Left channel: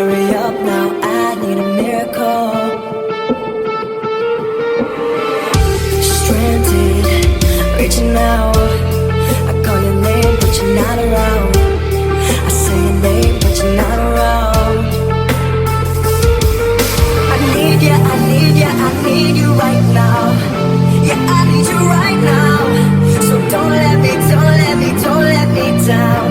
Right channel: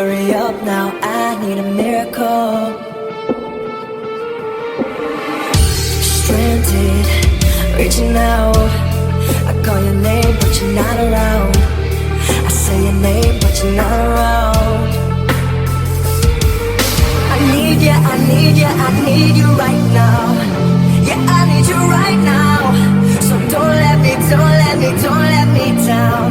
Hurry up now, I need a miracle. Stranded, reaching out. I call your name, but you're not around. I say your name, but you're not around. I need you, I need you, I need you right now. Yeah, I need you right now. So don't let me, don't let me, don't let me down.